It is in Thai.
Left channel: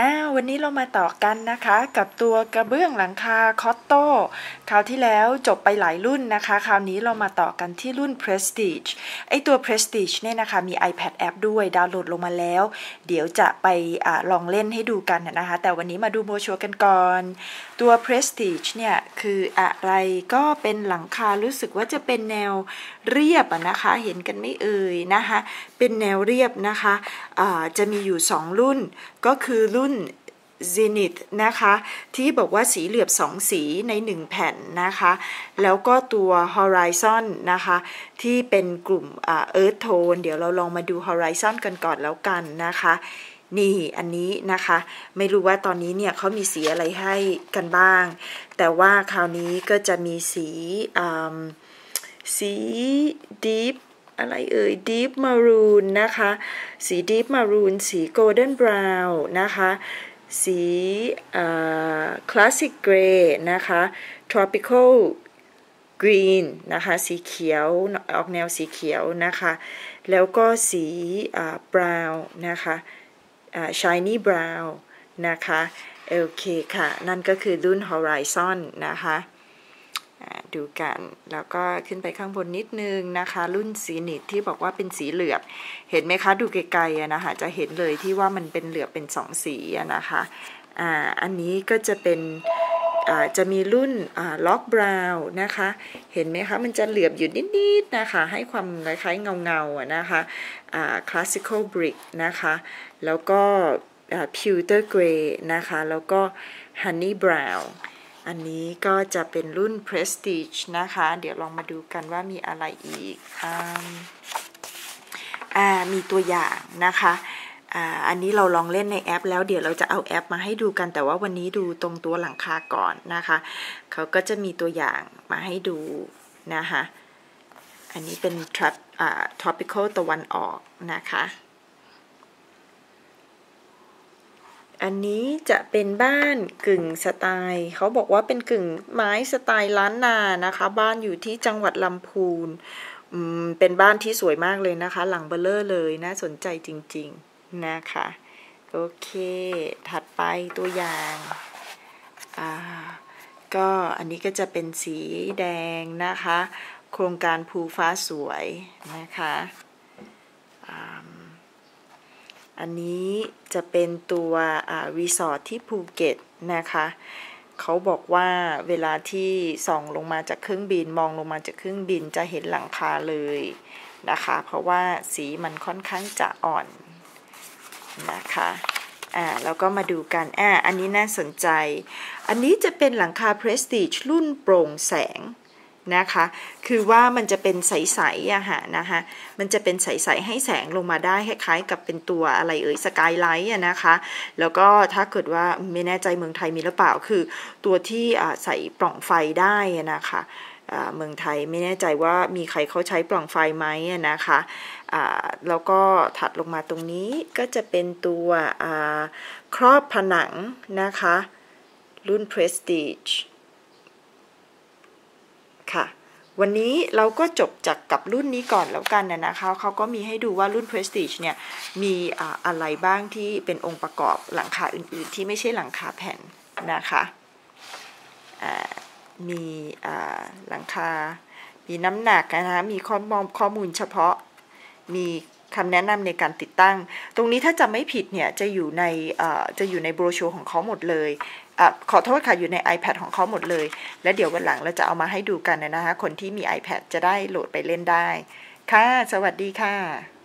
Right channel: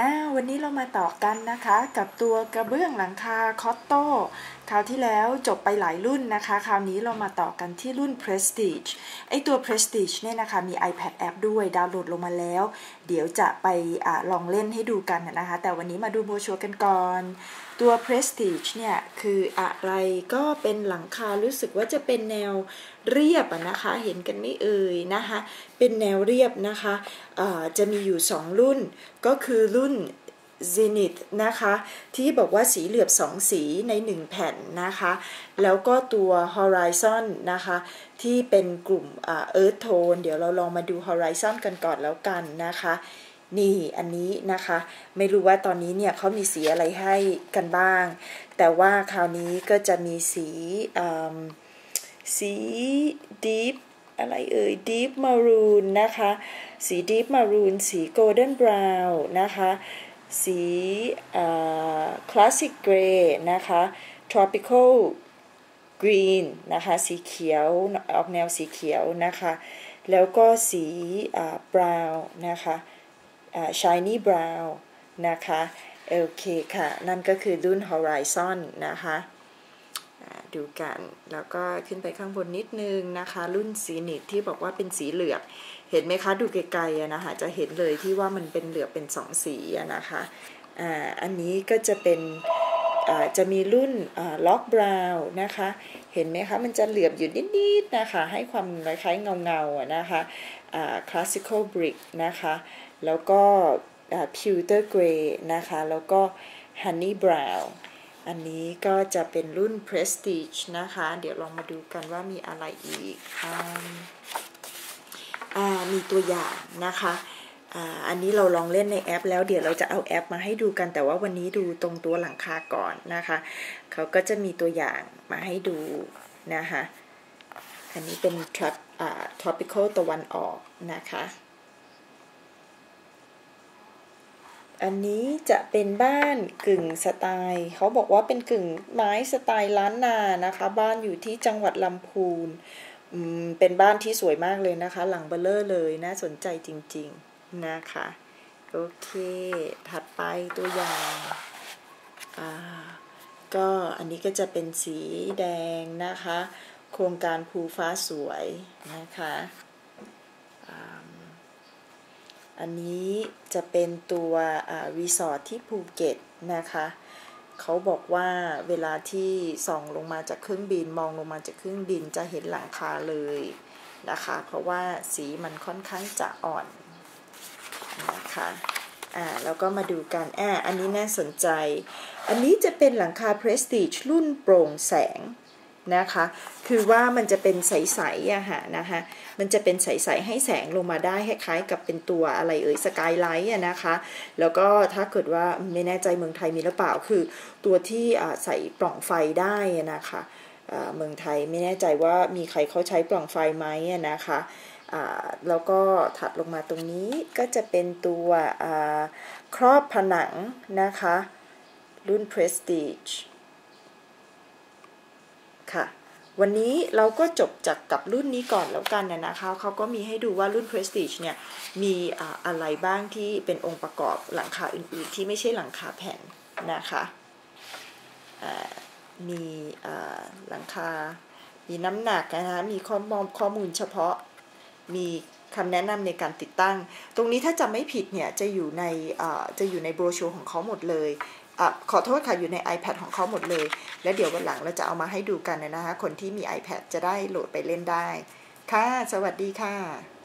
อาววันนี้เรามาต่อกันนะคะ กับตัวกระเบื้องหลังคาคอตโต้คราวที่แล้วจบไปหลายรุ่นนะคะ คราวนี้เรามาต่อกันที่รุ่น Prestige ไอตัว Prestige เนี่ยนะคะ มี iPad app ด้วยดาวน์โหลดลงมาแล้ว เดี๋ยวจะไปอลองเล่นให้ดูกันนะคะ แต่วันนี้มาดูโบชัวกันก่อน ตัว Prestige เนี่ย คืออะไรก็เป็นหลังคารู้สึกว่าจะเป็นแนวเรียบนะคะ เห็นกันไม่เอ่ยนะคะ เป็นแนวเรียบนะคะะจะมีอยู่ 2 รุ่นก็คือรุ่น Zenith นะคะ ที่บอกว่าสีเหลือบสองสีใน 1 แผ่นนะคะ แล้วก็ตัว Horizon นะคะ ที่เป็นกลุ่ม Earth Tone เดี๋ยวเราลองมาดู Horizon กันก่อนแล้วกันนะคะ นี่อันนี้นะคะ ไม่รู้ว่าตอนนี้เนี่ยเขามีสีอะไรให้กันบ้าง แต่ว่าคราวนี้ก็จะมีสีสี Deep อะไรเอ่ย Deep Maroon นะคะ สี Deep Maroon สี Golden Brown นะคะ สีคลาสสิกเกรย์นะคะ tropical green นะคะ สีเขียว ออกแนวสีเขียวนะคะ แล้วก็สี brown นะคะ shiny brown นะคะ โอเคค่ะ นั่นก็คือรุ่น horizon นะคะ ดูกัน แล้วก็ขึ้นไปข้างบนนิดนึงนะคะ รุ่นสีนิดที่บอกว่าเป็นสีเหลือบ เห็นไหมคะดูไกลๆนะคะจะเห็นเลยที่ว่ามันเป็นเหลือบเป็นสองสีนะคะอ่าอันนี้ก็จะเป็นจะมีรุ่นล็อกบราวน์นะคะ เห็นไหมคะ มันจะเหลือบอยู่นิดๆนะคะ ให้ความคล้ายๆเงาๆนะคะคลาสสิคอลบริกนะคะ แล้วก็พิวเตอร์เกรย์นะคะ แล้วก็ฮันนี่บราวน์ อันนี้ก็จะเป็นรุ่น Prestige นะคะ เดี๋ยวลองมาดูกันว่ามีอะไรอีกอ่ามีตัวอย่างนะคะอ่าอันนี้เราลองเล่นในแอป แล้วเดี๋ยวเราจะเอาแอปมาให้ดูกัน แต่ว่าวันนี้ดูตรงตัวหลังคาก่อนนะคะเขาก็จะมีตัวอย่างมาให้ดูนะคะอันนี้เป็น tropical ตะวันออกนะคะ อันนี้จะเป็นบ้านกึ่งสไตล์เขาบอกว่าเป็นกึ่งไม้สไตล์ล้านนานะคะ บ้านอยู่ที่จังหวัดลำพูนเป็นบ้านที่สวยมากเลยนะคะ หลังเบลเลอร์เลยน่าสนใจจริงๆนะคะ โอเค ถัดไปตัวอย่างอ่าก็อันนี้ก็จะเป็นสีแดงนะคะ โครงการภูฟ้าสวยนะคะ อันนี้จะเป็นตัวรีสอร์ทที่ภูเก็ตนะคะเขาบอกว่าเวลาที่ส่องลงมาจากเครื่องบินมองลงมาจากเครื่องบินจะเห็นหลังคาเลยนะคะ เพราะว่าสีมันค่อนข้างจะอ่อนนะคะอ่าแล้วก็มาดูกันอ่าอันนี้น่าสนใจ อันนี้จะเป็นหลังคา Prestige รุ่นโปร่งแสง นะคะ คือว่ามันจะเป็นใสๆอะฮะนะคะมันจะเป็นใสๆให้แสงลงมาได้คล้ายๆกับเป็นตัวอะไรเอ่ยสกายไลท์อะนะคะ แล้วก็ถ้าเกิดว่าไม่แน่ใจเมืองไทยมีหรือเปล่าคือ ตัวที่ใส่ปล่องไฟได้นะคะเมืองไทยไม่แน่ใจว่ามีใครเขาใช้ปล่องไฟไหมนะคะแล้วก็ถัดลงมาตรงนี้ก็จะเป็นตัวครอบผนังนะคะ รุ่น Prestige ค่ะ วันนี้เราก็จบจากกับรุ่นนี้ก่อนแล้วกันนะคะเขาก็มีให้ดูว่ารุ่น Prestige เนี่ยมีอะไรบ้างที่เป็นองค์ประกอบหลังคาอื่นๆ ที่ไม่ใช่หลังคาแผ่นนะคะมีหลังคา มีน้ำหนักนะคะมีข้อมูลข้อมูลเฉพาะ มีคำแนะนำในการติดตั้ง ตรงนี้ถ้าจะไม่ผิดเนี่ยจะอยู่ในจะอยู่ในโบรชัวร์ของเขาหมดเลย อขอโทษค่ะอยู่ใน iPad ของเขาหมดเลย และเดี๋ยววันหลังเราจะเอามาให้ดูกันนะคะ คนที่มี iPad จะได้โหลดไปเล่นได้ ค่ะ สวัสดีค่ะ